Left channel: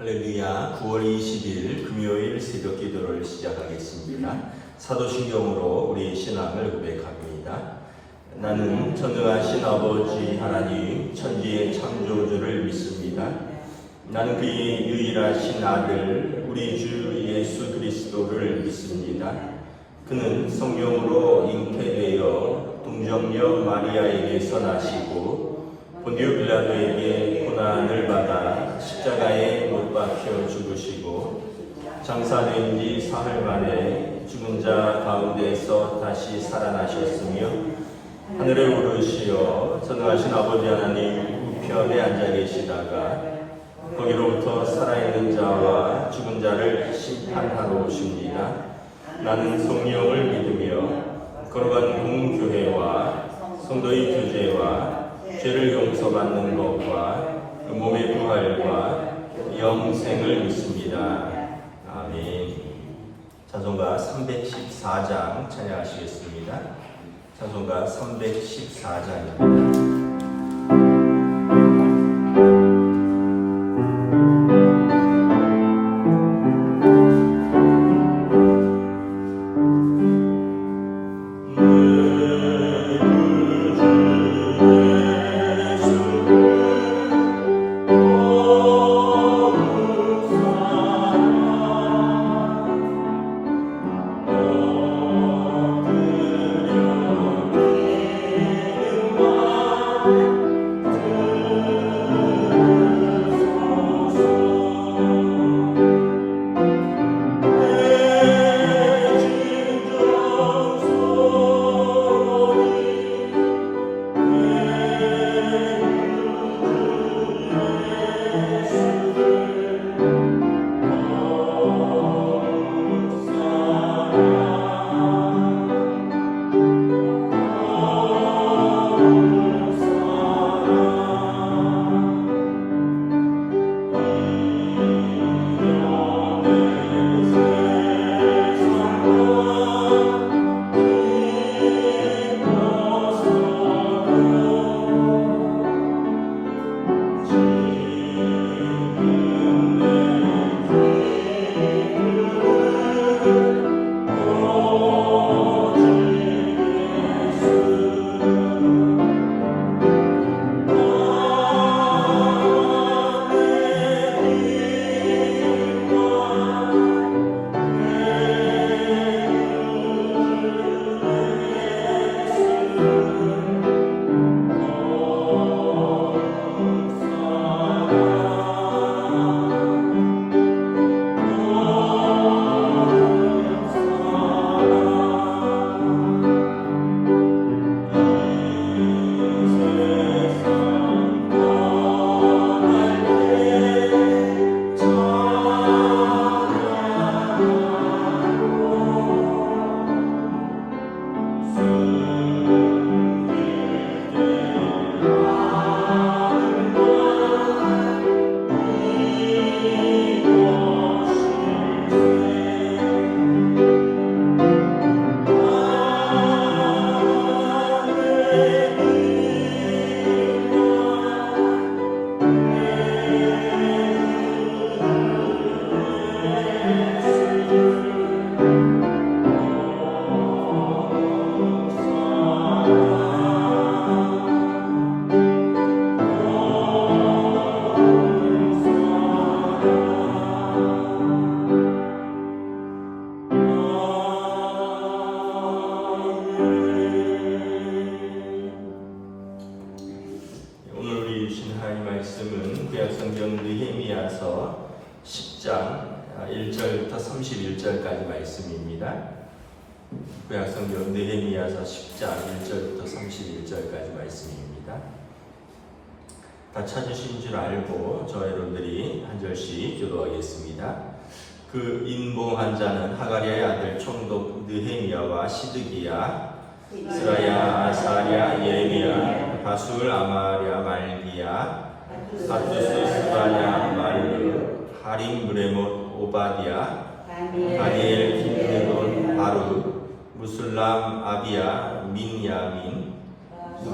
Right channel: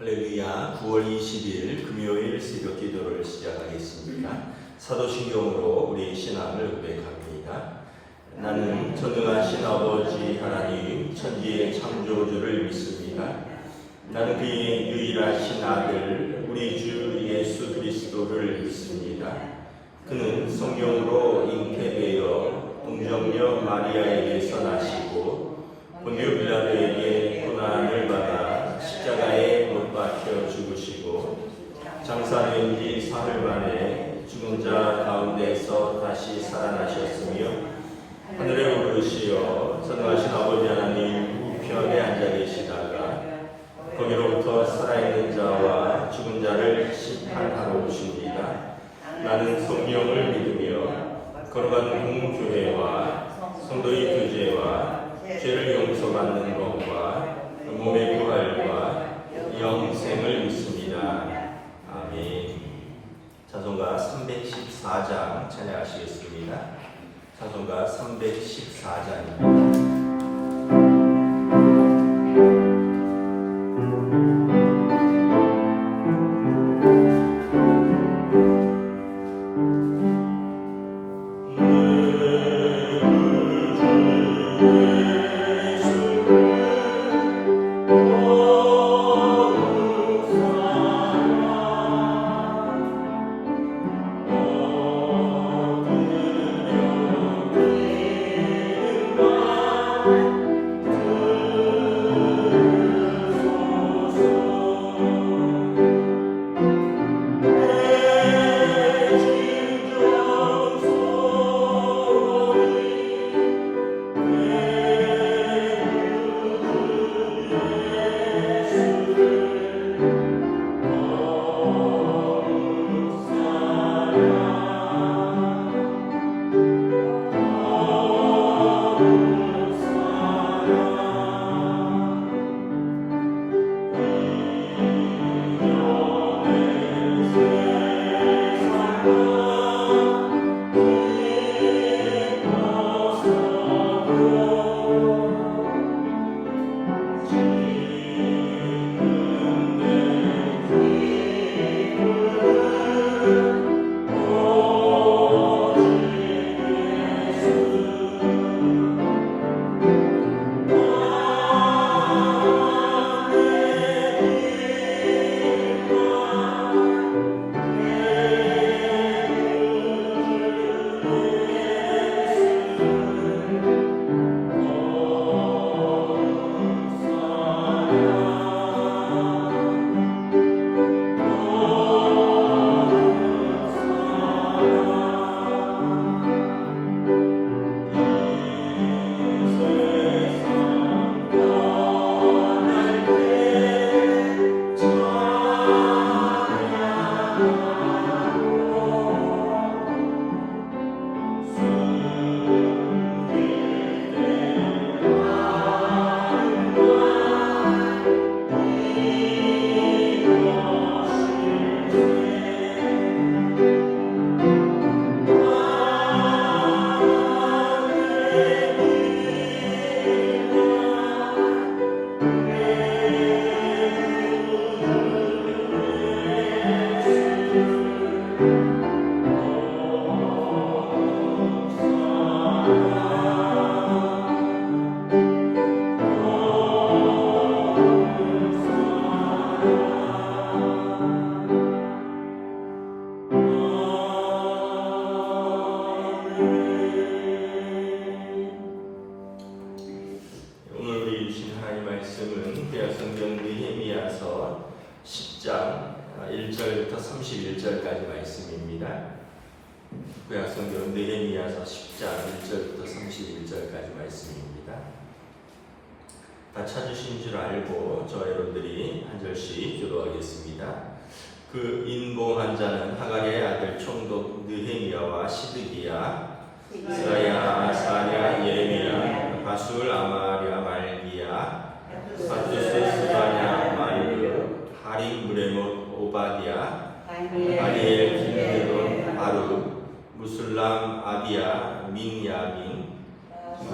할렐루야. 9월 20일 금요일 새벽 기도를 시작하겠습니다. 사도신경으로 우리의 신앙을 고백합니다. 나는 전능하신 아버지 하나님 천지의 창조주를 믿습니다. 나는 그의 유일하신 아들 우리 주 예수 그리스도를 믿습니다. 그는 성령으로 잉태되어 동정녀 마리아에게서 나시고 본디오 빌라도에게 고난을 받아 십자가에 못 박혀 죽으시고 장사된 지 사흘 만에 죽은 자 가운데서 다시 살아나셨으며 하늘에 오르시어 전능하신 아버지 하나님 우편에 앉아 계시다가 거기로부터 살아있는 자와 죽은 자를 심판하러 오십니다. 나는 성령을 믿으며 거룩한 공교회와 성도의 교제와 죄를 용서받는 것과 몸의 부활과 영생을 믿습니다. 아멘. 찬송가 314장 찬양하시겠습니다. 찬송가 314장입니다. 말씀은 구약성경 느헤미야서 10장 1절부터 31절까지 말씀입니다. 구약성경 느헤미야서 10장 1절부터 31절까지 말씀입니다. 다 찾으신 줄 알고 저 여러분들이 한 절씩 기도하겠습니다. 그 인봉한 자는 하가리아의 아들 총독 느헤미야와 시드기야, 스라야, 아사랴, 예레미야, 바술, 아마랴, 말기야, 바투스, 스바냐, 마르, 하림, 무레못, 오바디야, 다니엘, 킨드돈, 바루, 무술람, 아비야, 민야민,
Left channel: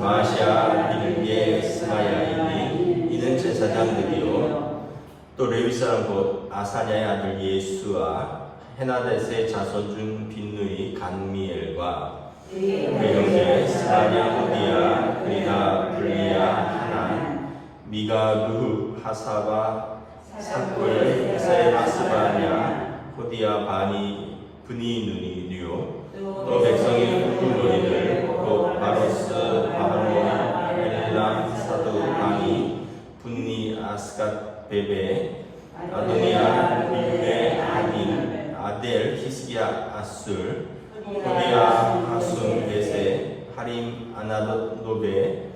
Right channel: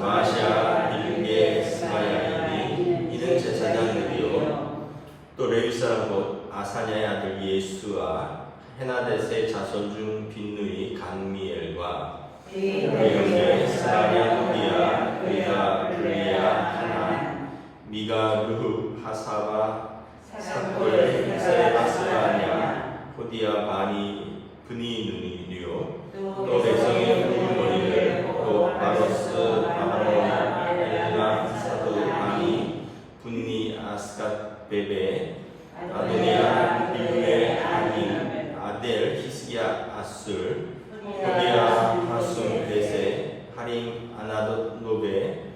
마샤, 빌게, 스마야이니. 이는 제사장들이요 또 레위 사람 곧 아사냐의 아들 예수와 헤나데스의 자손 중 빈누이 간미엘과 그의 형제 스바냐 후디야 그리가 블리야 하난 미가 루후 하사바 사콜 세바스바냐 호디야 바니 브니 누니 류 또 백성의 후무리들 곧 바로스 바하모이 엘레나 사두 바니 분니 아스갓 베베 아도니아 비브에 아닌 아델 히스기야 아술 호디야 하숨 베세 하림 아나돗 노베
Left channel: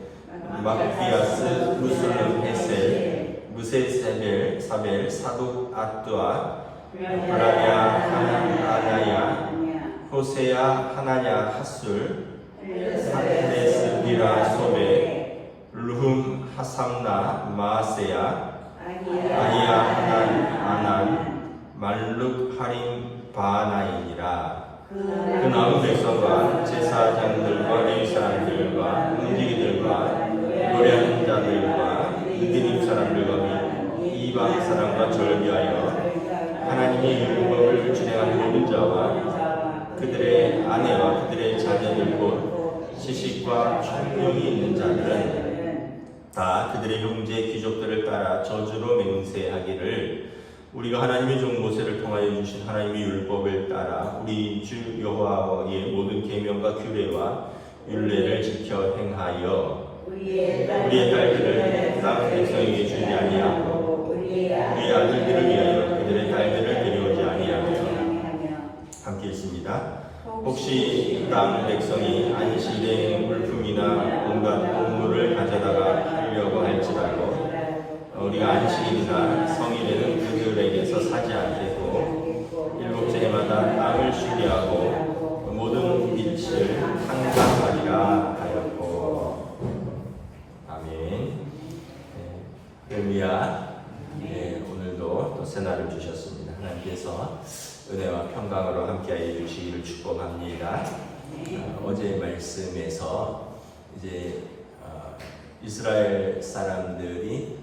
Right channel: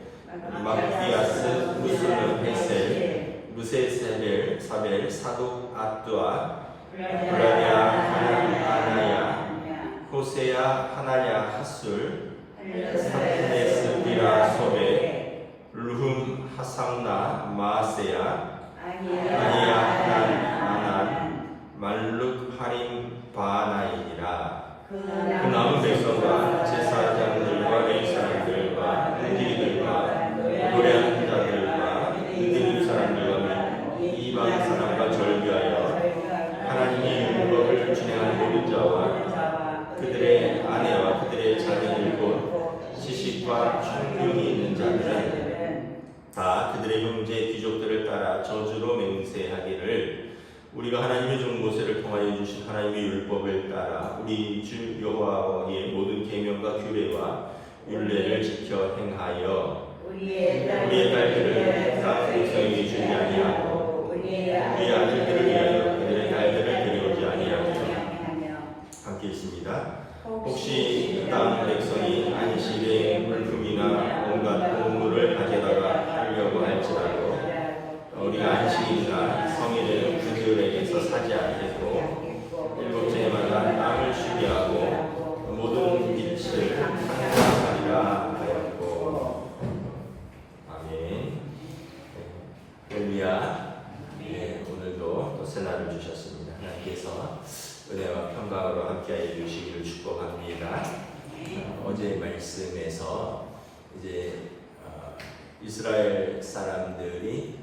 막비아스 무슬름 헤셀 무세세벨 사벨 사독 아뚜아 블라디아 하나야 호세야 하나냐 하술 하데스 비라 소베 루흠 하삼나 마세야 아니야 하난 아난 말룩 하림 바나이니라. 그 남은 백성과 제사장들과 레위 사람들과 의리들과 노래하는 자들과 느디님 사람들과 이방 사람과 절비하여 하나님의 율법을 준행하는 모든 자와 그들의 아내와 그들의 자녀들 곧 시식과 충용이 있는 자들은 다 그들의 형제 귀족들을 따라 저주로 맹세하기를 우리가 하나님의 종 모세를 통하여 주신 하나님의 율법을 따라 우리 주 여호와의 모든 계명과 규례와 율례를 지켜 행하여 우리의 딸들을 땅 백성에게 주지 아니하고 우리의 아들들을 위하여 그들의 딸들을 데려오지 아니하며 함께 읽습니다. 혹시 땅 백성이 안식일에 물품이나 온갖 곡물을 가져다가 하려고 할지라도 우리가 안식일이나 성일에는 그들에게서 사지 않겠고 일곱째 해마다 땅을 쉬게 하고 모든 빛을 한가하리라 하였고 아멘. 할렐루야. 오늘도 또 새날을 주셨습니다. 하나님께서 은혜와 평강으로 함께하여 주시기를 축복합니다. 어제 말씀에서 이제 이스라엘 사람들이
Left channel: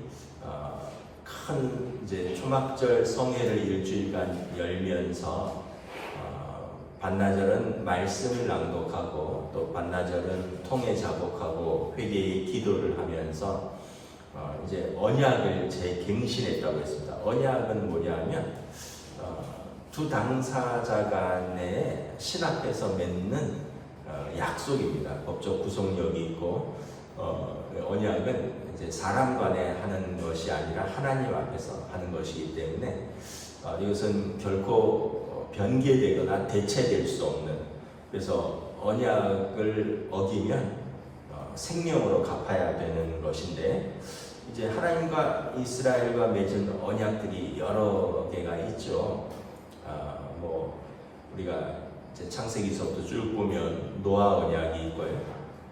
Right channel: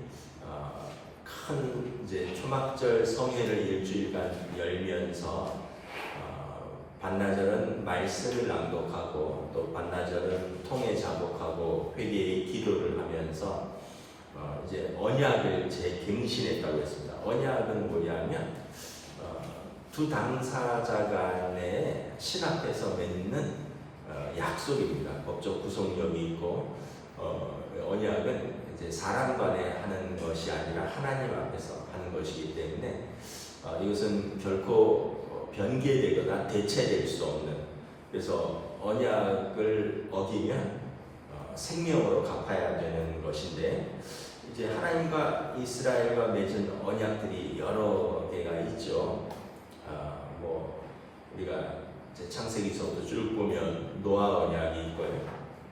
큰 이제 초막절 성회를 일주일간 열면서 반나절은 말씀을 낭독하고 또 반나절은 통해 작곡하고 회개의 기도를 하면서 이제 언약을 재갱신했다고 했습니다. 언약은 뭐냐면 두 당사자 간에 신학에서 맺는 약속입니다. 법적 구속력이 있고 언약은 이제 사람 간에 하는 것이 아니라 하나님 앞에서 하는 것이기 때문에 이것은 결코 변개되거나 대체될 수 없는, 그래서 언약을 어기면 생명으로 갚아야 되는 것인데 이제 하나님과 이스라엘과 맺은 언약들이 여러 개가 있죠. 우리가 이제 창세기서부터 쭉 보면 노아 언약이 있고요,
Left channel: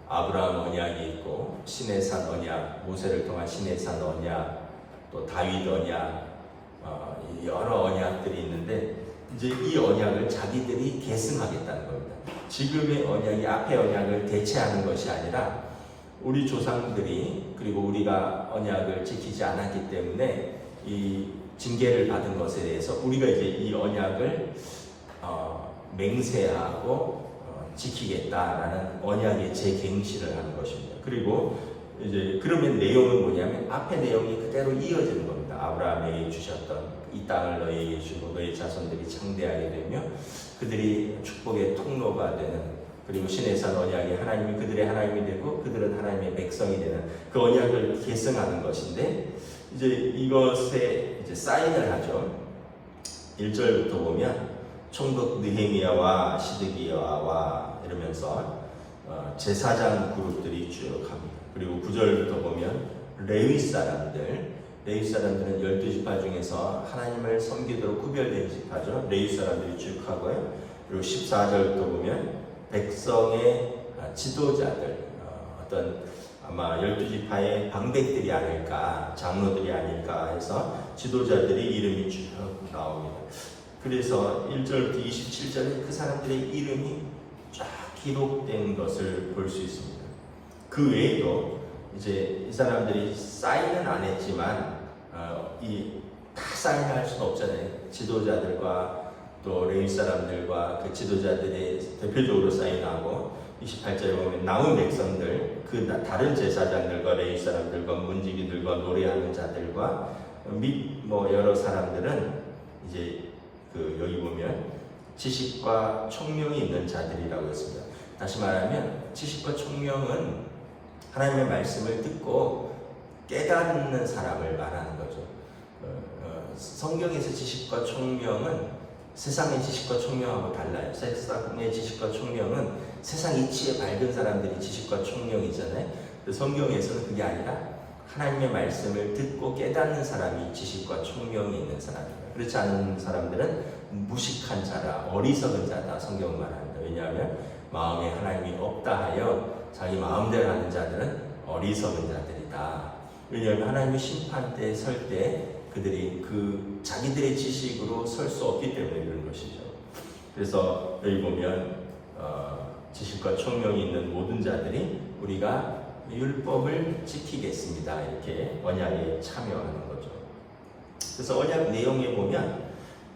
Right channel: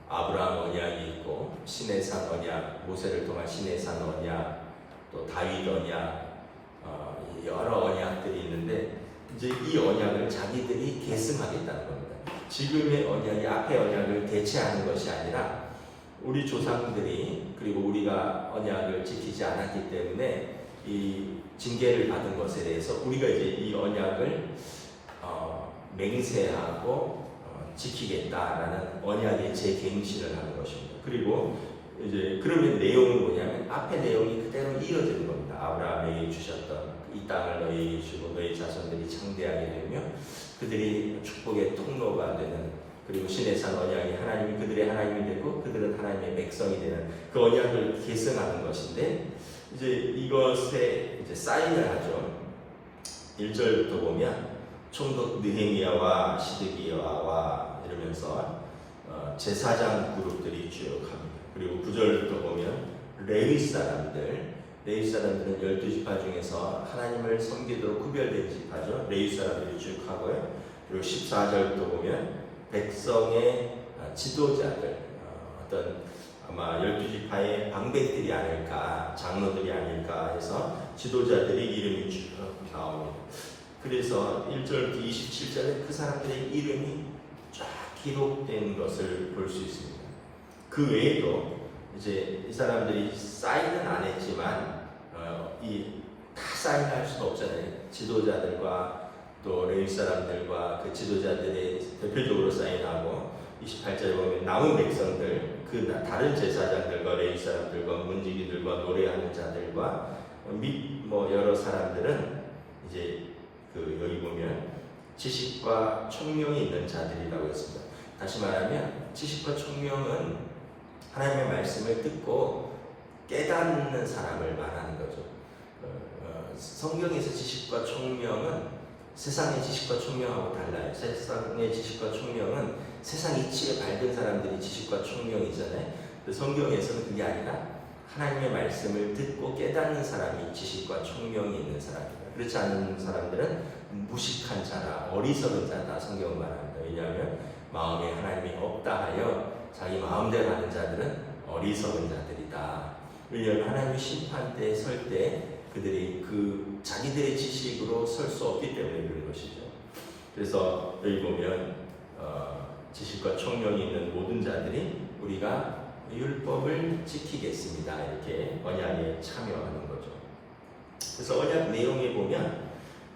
아브라함 언약이 있고 시내산 언약, 모세를 통한 시내산 언약, 또 다윗 언약, 여러 언약들이 있는데 이제 이 언약을 자기들이 계승하겠다는 겁니다. 지금의 언약이 앞의 언약을 대체하는 것이 아니라 우리 조상들이 그리고 우리가 언약을 지키지 않았기 때문에 이 징계를 받은 것에 대해서 우리가 이제 이 언약을 맹세하고 지키겠다라는 언약의 재갱신을 하는 것입니다. 그리고 이제 그러면 내용은 뭐냐면 앞의 내용이 그대로 이어지는 겁니다. 아브라함에게 주셨던 이 땅을 너희에게 주고 너희 자손들이 창대하게 되며 그들이 축복의 통로가 되는, 그리고 시내산 언약이 하나님이 그들의 하나님이 되고 그들은 하나님의 백성이 되는 그 언약을 계승하는 것인데 이제 이것에 이제 사인을 하죠. 1절부터 보면 총독 느헤미야와 시드기야와 이러면서 제사장 그룹들이 쭉 합니다. 그리고 9절부터 보면 레위 사람들은 12지파 중에서 하나님을 섬기도록 구별된 지파죠. 레위 사람들이 쭉 하고요. 그리고 14절부터 보면 백성의 지도자들, 어떤 아마 12지파의 방백들이 아닐까, 장로들이 아닐까 해서 지도자들의 이름이 쭉 나옵니다. 그래서 1절부터 27절에 그 사람들의 이름이 쫙 기록된 것을 볼 수 있습니다. 그 외에도 이제 이 사람들이 사인은 안 했지만 다 사인할 수도 없잖아요. 지도자들과 또 레위 사람들과 그 지도자들의 대표적으로 사인하고 28절에 보면 남은 백성들 그 다른 제사장들과 레위 사람들과 문지기들과 노래하는 자들과 및 뭐 여러 사람들은 이제 그 여기 보면 지식과 총명이 있는 자들이라고 했습니다. 다시 말하면 지식과 총명은 하나님의 말씀을 듣고 깨닫는 사람을 말하는 거죠. 성경에서 지식과 총명은 세상의 지식과 총명하고 달라요. 세상의 지식과 총명은 세상 이치에 밝은 사람들이 지식과 총명이잖아요. 성경에서는 그게 아니라 하나님의 말씀을 듣고 깨닫는 사람이 지식과 총명이 있는 사람입니다. 그렇지 않은 사람들은 무식한 자라, 어리석은 자다 성경은 말합니다. 왜냐하면 마음에 하나님이 없다 하여 자기 마음대로 하는 자들은 어리석은 자들이다. 왜냐하면 하나님의 심판대에 설 때 그들이 그 자기들의 지식으로 설 수 없기 때문에 그런 것이죠. 그래서 여기 보면 지식과 총명이 있는 모든 자들이 우리가 율법을 지키겠습니다. 이렇게 언약에 참여하는 거죠. 그래서 언약 내용에 보면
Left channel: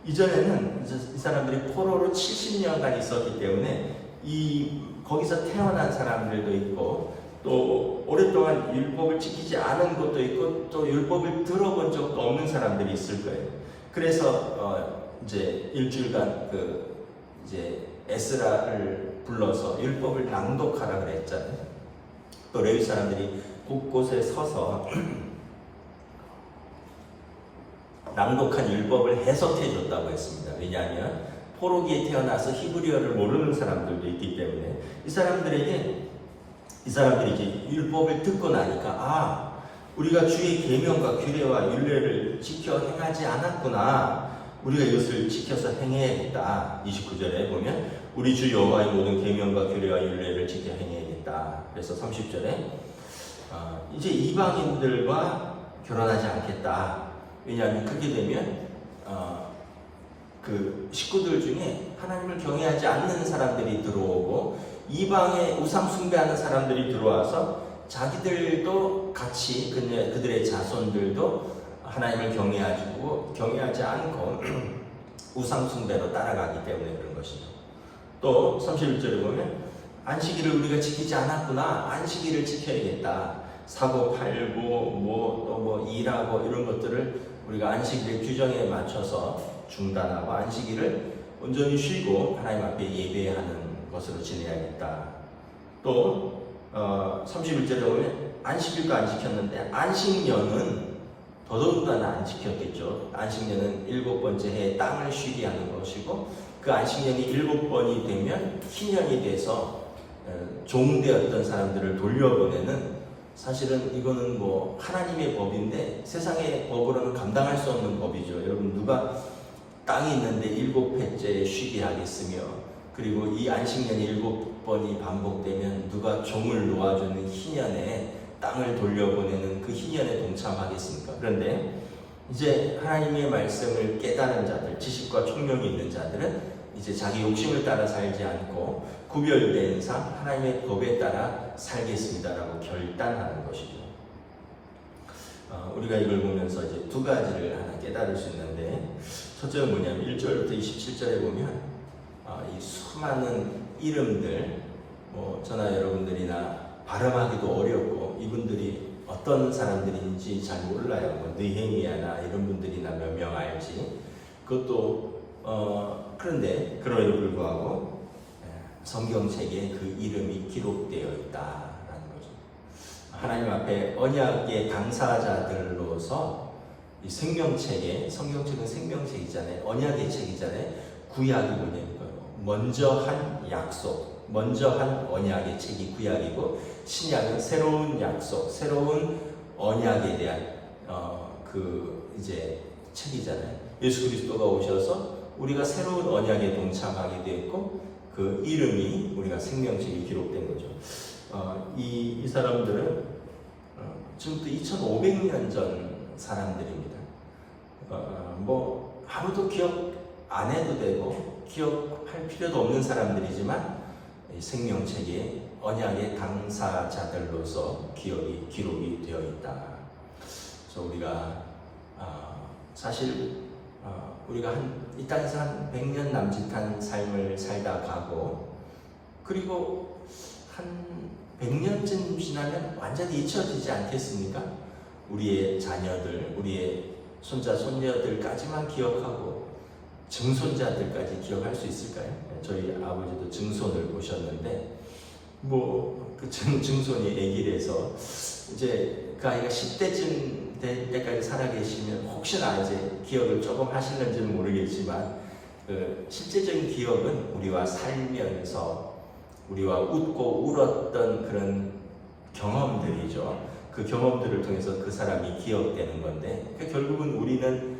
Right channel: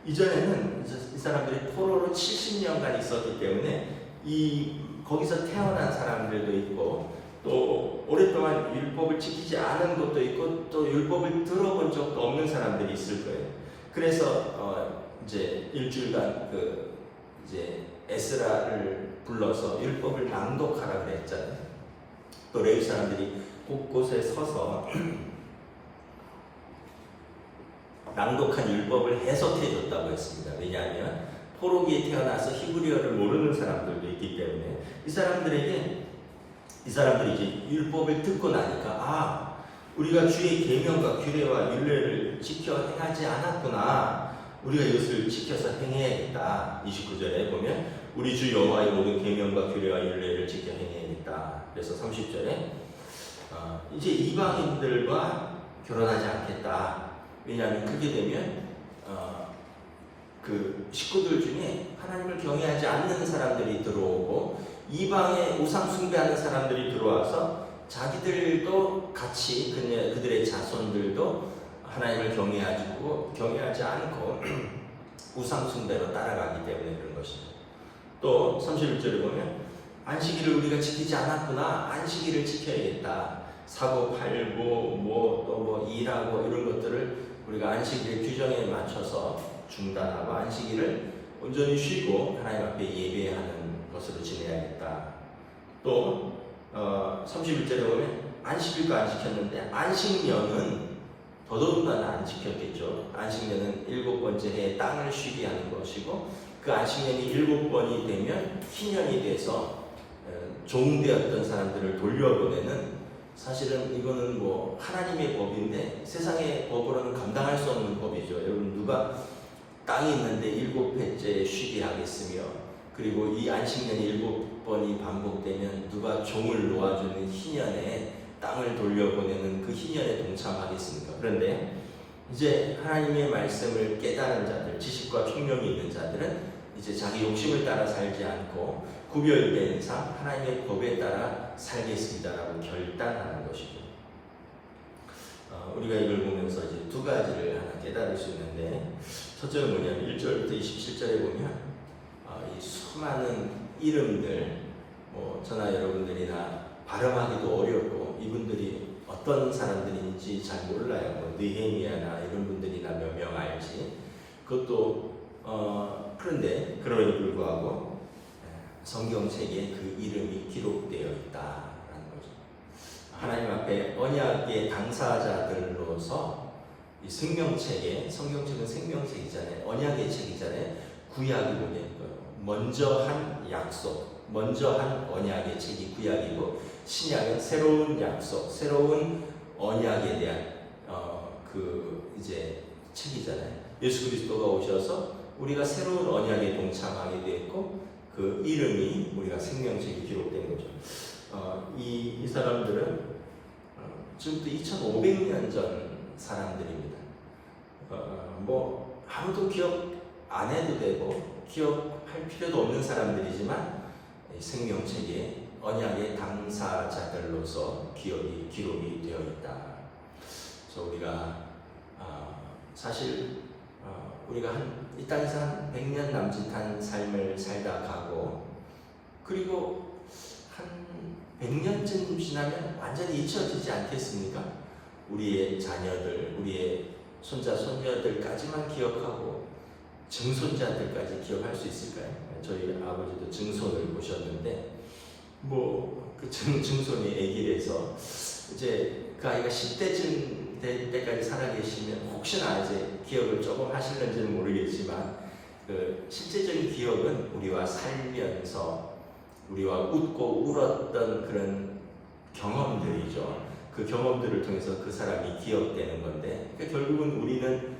이전에는 이 사람들이 포로로 70년간 있었기 때문에 거기서 태어난 사람들도 있고 또 오랫동안 율법을 지키지 않은 것도 있고 또 율법을 들어본 적도 없는 사람들이 있을 거예요. 그래서 이제 일주일간 이제 에스라를 불러서 율법을 낭독하라 그랬잖아요. 또 레위 사람들이 곳곳에 서서 낭독한 율법을 해석해 줬다고 했습니다. 왜냐하면 포로기에 태어나서 히브리어를 모르는 사람들도 있기 때문에 이 사람들이 이제 율법을 듣고 나니까 우리가 주의 계명과 규례와 율례를 지켜 행하지 않았구나. 우리가 이것을 지켜서 행해야겠다. 29절에 보면 우리 주 여호와의 모든 계명과 규례와 율례를 지켜 행해야겠다. 그래서 30절에 이제 이방인들과 결혼하지 않겠다. 왜냐하면 그렇게 되면 그 식구들 중에 하나님을 경외하지 않는 사람들이 들어오고 이방의 우상 숭배하는 사람들이 들어와서 자기들도 같이 그들의 자손들도 하나님을 경외하지 않고 우상 숭배로 따라가기 때문에 그런 것이죠. 또 31절에 보면 안식일을 우리가 지키지 않았구나. 안식일을 지켜야겠다. 사고 팔고 또 일하고 이런 것들을 우리가 안식일 규정에 맞춰서 중단하고 안식일을 온전히 쉬고 하나님 앞에 예배하는 것으로 지내야겠다. 또 31절에 보면 안식일도 안 지켰는데 안식년은 더더군다나 안 지켰겠죠. 안식년은 7번째 해에 땅을 쉬게 하는 것이고 그 안식년이 7번이 되면 희년이 돼서 종되었던 사람들을 돌려보내는 사실은 이거는 뭐 하나님의 법인데 세상의 법으로는 감당할 수 없는 법이죠. 여러분 누가 땅이 있는데 7회째 쉬게 하겠으며 그리고 이 안식년이 7번이 반복되면 누가 종을 놓아주는 희년에 땅을 돌려보내는 그 희년에 동참하겠습니까? 그런데 이제 하나님의 말씀을 깨달은 자들, 지식과 총명이 있는 자들은 이제 자기 욕심을 따라 살지 않고 구별된 삶, 하나님의 법에 따라 살겠습니다라고 결단하는 것이죠. 우리가 이걸 보면서 이제 두 가지를 하나 깨달을 수 있는데 첫째는 뭐냐면 1절부터 27절에 보면 이 수많은 이름들 저나 여러분들이나 발음하기도 어렵고 이분들이 어떤 사람들인지 잘 몰라요. 느헤미야나 이런 분들이나 몇 명 알지. 그것도 그런데 그럼에도 불구하고 성경책에 그 이름이 기록되어 있다라는 거죠. 하나님 앞에 언약의 당사자들로서 이 성경책은 생명책이잖아요. 언약의 책이잖아요. 구약이 뭐냐고요. 먼저 한 약속, 먼저 한 언약의 책이 구약이고 신약은 새로운 약속, 새로운 언약에 대한 이제 책이잖아요. 예수 그리스도가 오셔서 우리가 새로운 언약에 동참하게 되었고 그 이름이 우리가 생명책에 기록된 거죠. 이 사람들은 지금부터 2500년 전 사람들입니다. 아무도 기억 안 해도 되고 기억할 필요도 없는 사람들이지만 생명책에 언약의 당사자들로서 기록이 되어 있다. 그래서 우리가 사실 우리가 이 땅에서 한 100년 남짓한 삶을 살다 가고, 그리고 한 100년쯤 지나면 완전히 잊혀지지 않겠습니까? 우리의 자녀들, 우리의 손자, 손녀들까지만 기억하고 증손자들까지 기억할 수 있을까요? 저희 아버지도 증손을 보셨는데, 그 증손이 아기래서 이제 그 아이가 10대쯤 될 때까지 살아계시면 혹시나 이제 기억을 조금 하실는지는 모르겠지만, 그 실제적인 기억은 우리와 살면서 우리와 웃고 울었던 그런 경험들이죠. 그 경험들을 통해서 그 사람이 기억되는 건데, 결국은 우리는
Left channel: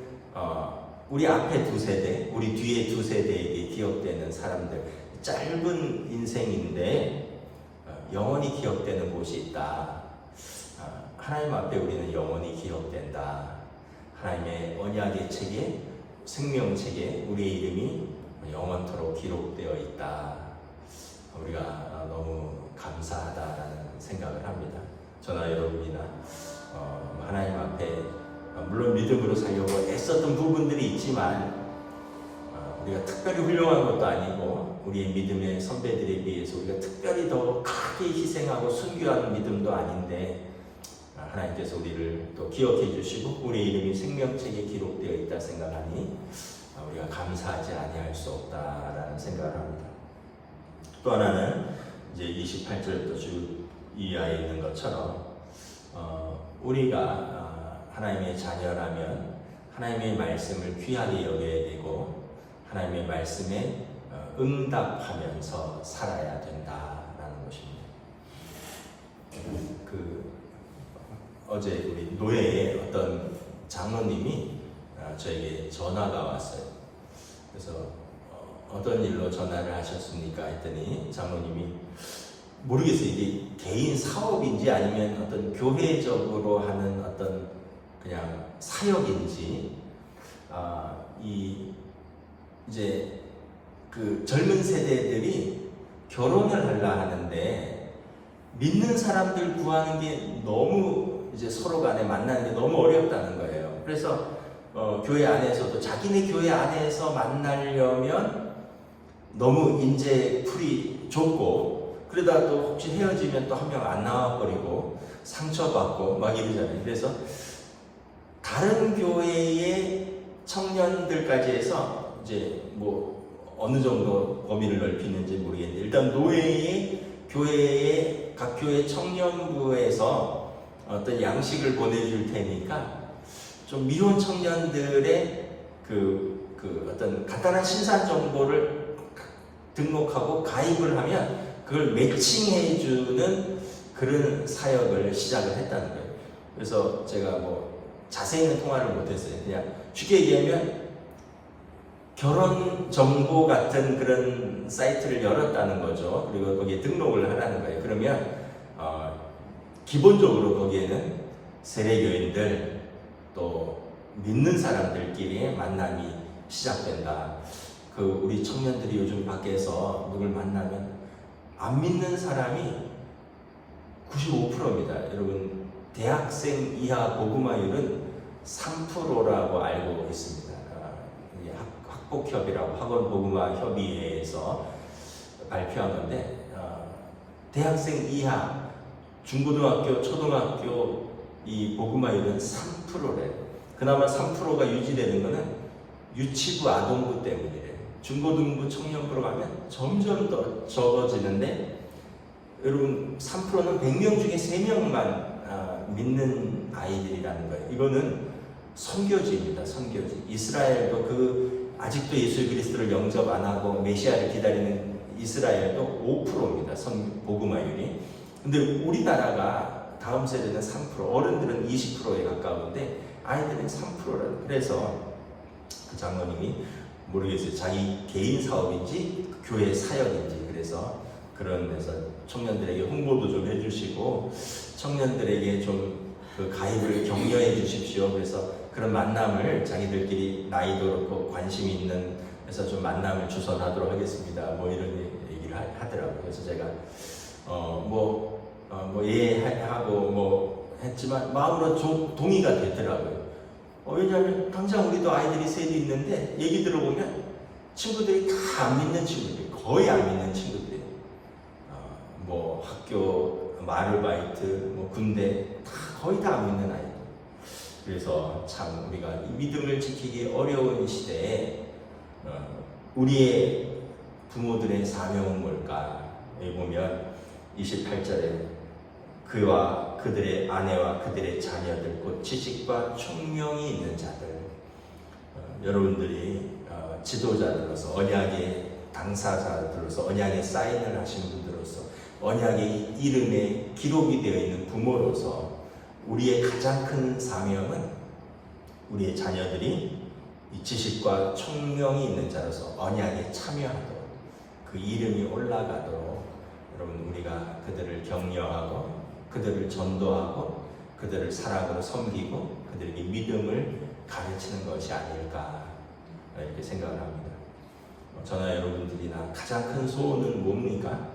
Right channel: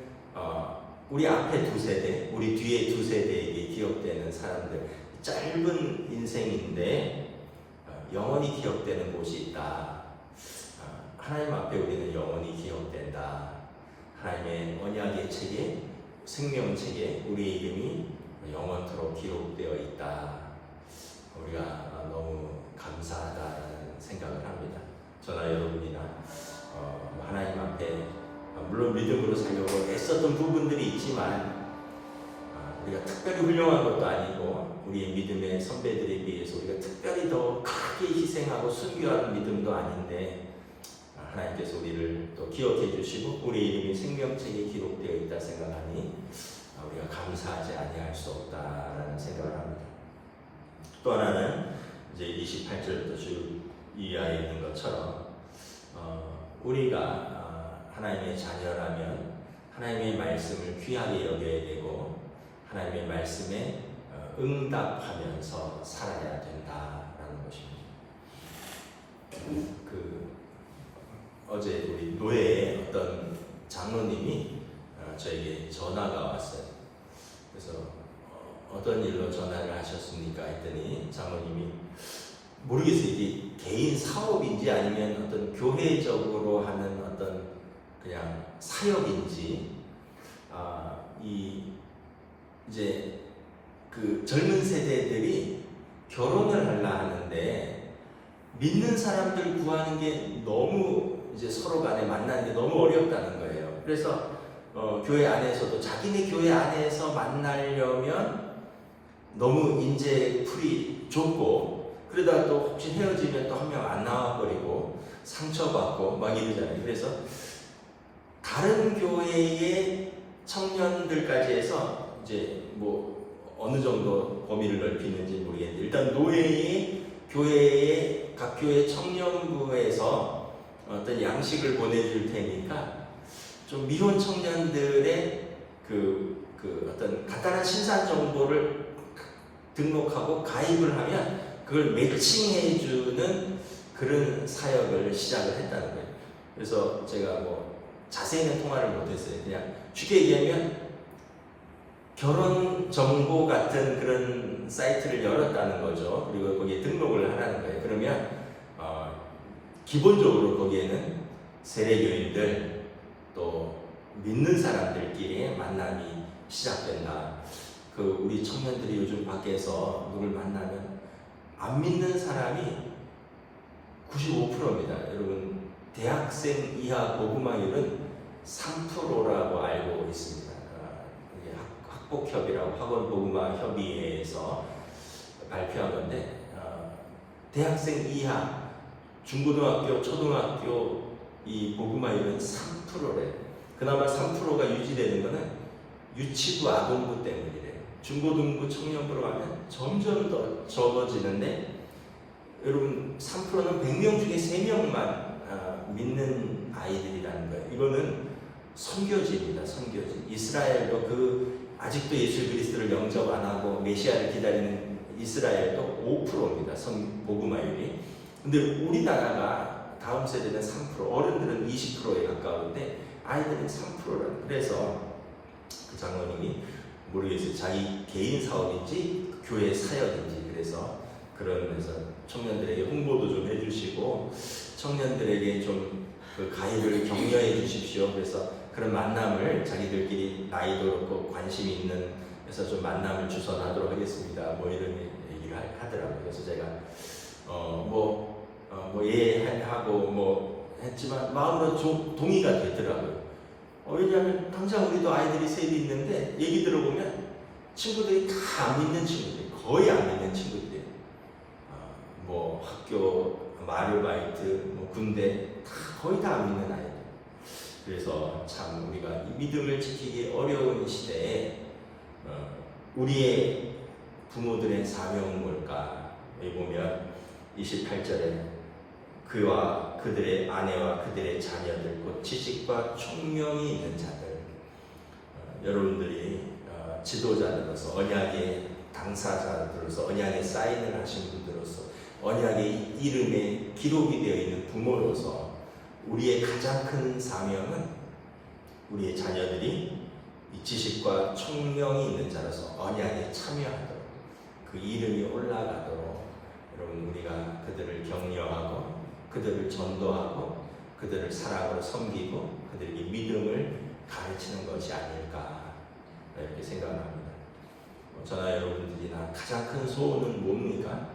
우리 앞에 두 세대, 우리 뒤에 두 세대에게 기억되는 사람들, 짧은 인생인데 영원히 기억되는 곳이 있다. 하나님 앞에 우리는 영원히 기억된다. 하나님의 언약의 책에, 생명책에 우리의 이름이 영원토록 기록되어 있다. 우리가 너무 감사하다라는 생각을 합니다. 저나 여러분이나 하나님 앞에 물론 믿음으로 살려고 애썼던 부분들이 있지만, 우리가 특별히 훌륭한 것도 아니고 우리의 믿음의 선배들에 비해서 우리가 특별히 더 크게 희생하고 순교하는 믿음도 아닌데, 하나님께서 우리를 또 기억해 주시고 우리 이름이 생명책에 기록되어 있다 생각하니 우리가 감사하지 아니할 수 없다라는 생각을 합니다. 또 하나는 이제 28절부터 쭉 이하에 있는 것처럼 우리가 하나님의 자녀라면 하나님의 말씀을 귀하게 여겨야 되고 하나님의 말씀에 응답하면서 살아야 된다라는 것입니다. 어제 우리 노예의 어떤 장로님이 저에게 전화가 왔어요. 그래서 어떤 일로 전화를 하셨습니까? 했더니 장로님이 모르겠어요. 이게 개인 사업인지 아니면 어떤 교회적으로 하는 어떤 그냥 사역인지, 이제 그 젊은 세대들이 결혼을 하려 하는데 믿는 사람들 구하는 게 너무 이제 서로 간에 만나는 게 너무 어렵다는 거예요. 그래서 교회 안에서도 자기네 교회 안에서 만나려면 너무 인재풀이 좁고, 그러다 또 혹시 헤어지면 또 한 명 안 나와버리고 상처받고 막 이러잖아요. 그래서 다른 교회의 청년들까지 해서 이제 어느 정도 범위를 넓히는지 모르겠는데, 일단 노예의 교회의 각 교회 청년부에서 어떤 양식을 보내줄 테니까 좀 미혼 청년들의 그 어떤 간단한 신상 정보를 등록하고 가입을 하면 그걸 매칭해주는 그런 사역을 시작을 했다는 거예요. 그래서 제가 자세히는 통화를 못했어요. 그냥 쉽게 얘기하면 결혼 정보 같은 그런 사이트를 열었다는 거죠. 그리고 거기에 등록을 하라는 거예요. 그러면 기본적으로 거기에는 세례교인들 또 믿는 사람들끼리의 만남이 시작된다. 우리 청년들이 요즘 밖에서 누굴 만나면 안 믿는 사람이 95%입니다. 여러분, 대학생 이하 복음화율은 3%라고 알고 있습니다. 학복협이라고 학원복음화협의회에서 발표한 건데, 대학생 이하 중고등학교, 초등학교 이 복음화율은 3%래요. 그나마 3%가 유지되는 것은 유치부, 아동부 때문이래요. 중고등부, 청년부로 가면 점점 더 적어지는데, 여러분 3%는 100명 중에 3명만 믿는 아이들이라는 거예요. 이거는 선교지입니다. 선교지. 이스라엘도 아직도 예수 그리스도를 영접 안 하고 메시아를 기다리는 이스라엘도 5%입니다. 복음화율이. 근데 우리나라가 다음 세대는 3%, 어른들은 20%에 가까운데 아이들은 3%라는. 그래서 그 장로님이 모르겠어요. 자기 개인 사업인지 교회 사역인지. 그래서 그런 데서 청년들에게 홍보도 좀 해주시고 청년들에게 좀 그 가입을 격려해 주십시오. 그래서 그런 만남을 자기들끼리 나이도 그렇고 관심 있는 해서 좀 만남을 주선하도록 하겠습니다. 이런 얘기를 하더라고요. 그래서 제가 이해하고 했지만 마음으로 동의가 되더라고요. 왜냐하면 당장 우리도 아이들이 셋이 있는데 얘기 들어보면 친구들이 다 안 믿는 친구들, 거의 안 믿는 친구들이에요. 뭐 학교, 아르바이트, 뭐 군대 다 거의 다 안 믿는 아이들. 그래서 참 우리가 이 믿음을 지키기 어려운 시대에 우리의 부모들의 사명은 뭘까? 여기 보면 28절에 그와 그들의 아내와 그들의 자녀들 곧 지식과 총명이 있는 자들. 여러분들이 지도자들로서 언약의 당사자들로서 언약의 사인을 하신 분들로서 언약의 이름에 기록이 되어 있는 부모로서 우리의 가장 큰 사명은 우리의 자녀들이 이 지식과 총명이 있는 자로서 언약에 참여하도록 그 이름이 올라가도록 여러분 우리가 그들을 격려하고 그들을 전도하고 그들을 사랑으로 섬기고 그들에게 믿음을 가르치는 것이 아닐까 이렇게 생각을 합니다. 저나 여러분들이나 가장 큰 소원은 뭡니까?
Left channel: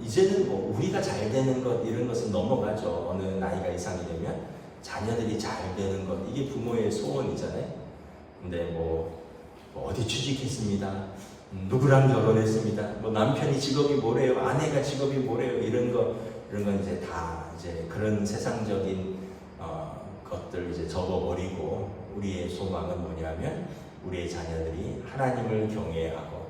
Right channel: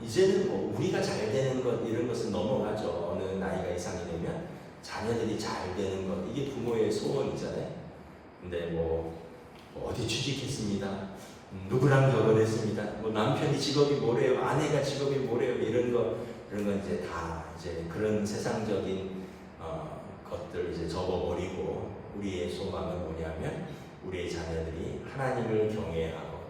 이제는 뭐 우리가 잘 되는 것 이런 것은 넘어가죠. 어느 나이가 이상이 되면 자녀들이 잘 되는 것 이게 부모의 소원이잖아요. 근데 뭐 어디 취직했습니다. 누구랑 결혼했습니다. 뭐 남편이 직업이 뭐래요, 아내가 직업이 뭐래요 이런 건 이제 다 이제 그런 세상적인 것들 이제 접어버리고 우리의 소망은 뭐냐면 우리의 자녀들이 하나님을 경외하고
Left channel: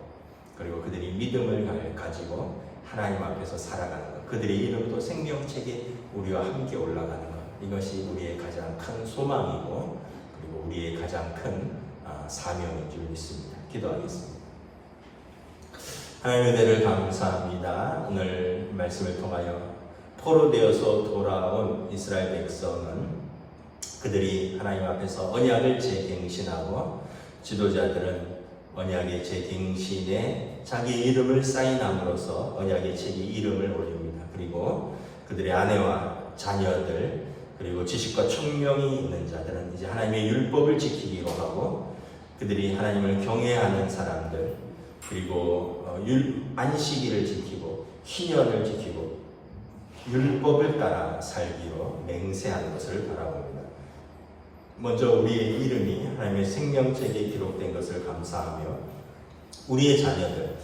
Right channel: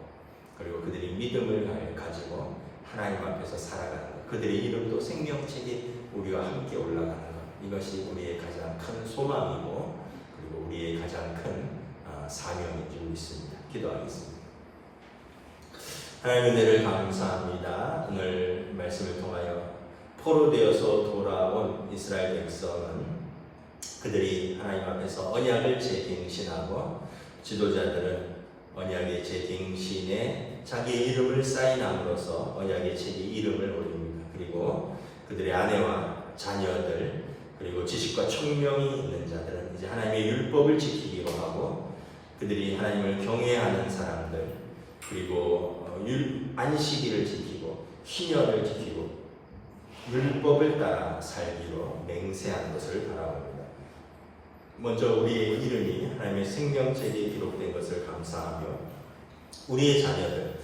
그리고 그들이 믿음을 가지고 하나님 앞에서 살아가는 것, 그들의 이름도 생명책에 우리와 함께 올라가는 것, 이것이 우리의 가장 큰 소망이고 그리고 우리의 가장 큰 사명인 줄 믿습니다. 기도하겠습니다. 하나님의 은혜를 감사합니다. 오늘 말씀을 통하여 포로되어서 돌아온 이스라엘 백성은 그들이 하나님 앞에서 언약을 재갱신하고 지도자들은 언약의 재갱신에 자기의 이름을 사인함으로써 언약의 책에 이름을 올립니다. 그리고 그들의 아내와 자녀들 그리고 지식과 총명이 있는 자들은 이제 하나님의 율법을 지키기로 하고 그들이 하나님을 경외하는 사람들 그리고 안식일을 지키고 희년을 지키고 율법을 따라 살기로 맹세하는 것을 바라봅니다. 먼저 우리의 이름이 하나님의 생명책에 기록된 것을 감사하며 우리의 자녀들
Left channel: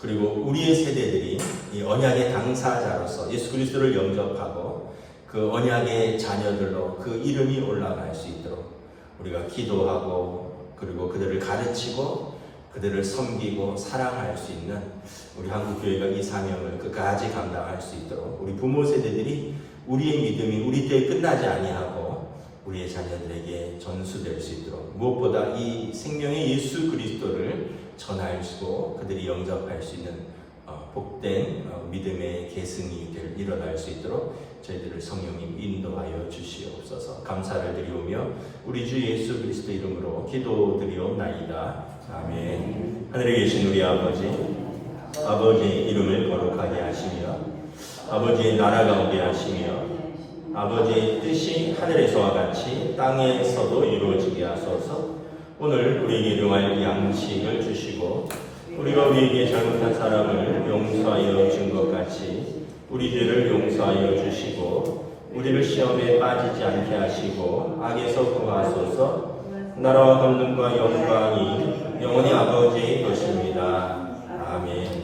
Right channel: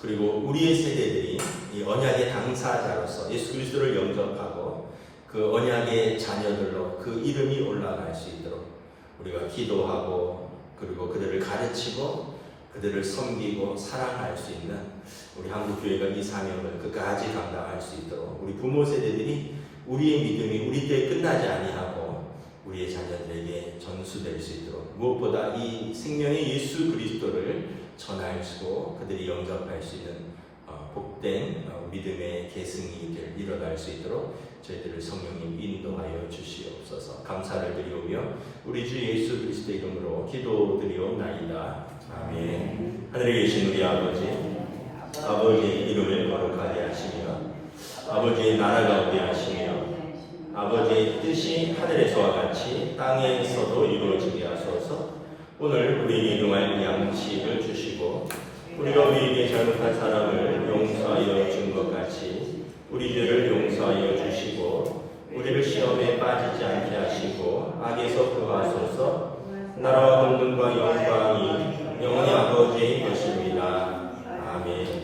그리고 우리의 세대들이 이 언약의 당사자로서 예수 그리스도를 영접하고 그 언약의 자녀들로 그 이름이 올라갈 수 있도록 우리가 기도하고 그리고 그들을 가르치고 그들을 섬기고 사랑할 수 있는 우리 한국교회가 이 사명을 끝까지 감당할 수 있도록 우리 부모 세대들이 우리의 믿음이 우리 때에 끝나지 아니하고 우리의 자녀들에게 전수될 수 있도록 무엇보다 이 생명의 예수 그리스도를 전하시고 그들이 영접할 수 있는 복된 믿음의 계승이 일어날 수 있도록 저희들을 성령님 인도하여 주시옵소서. 감사를 드리오며 우리 주 예수 그리스도 이름으로 기도드리옵나이다. 아멘. 하늘에 계신 우리 아버지의 이름을 거룩하게 하시며 아버지의 나라가 오게 하시며 아버지의 뜻이 하늘에서와 같이 땅에서도 이루어지게 하소서. 오늘 우리에게 일용할 양식을 주시고 우리가 우리에게 잘못한 사람을 용서하여 준 것 같이 우리 죄를 용서하여 주시고 우리를 시험에 빠지지 않게 하시고 악에서 구하소서. 나라와 권능과 영광이 영원히 아버지의 것입니다. 아멘.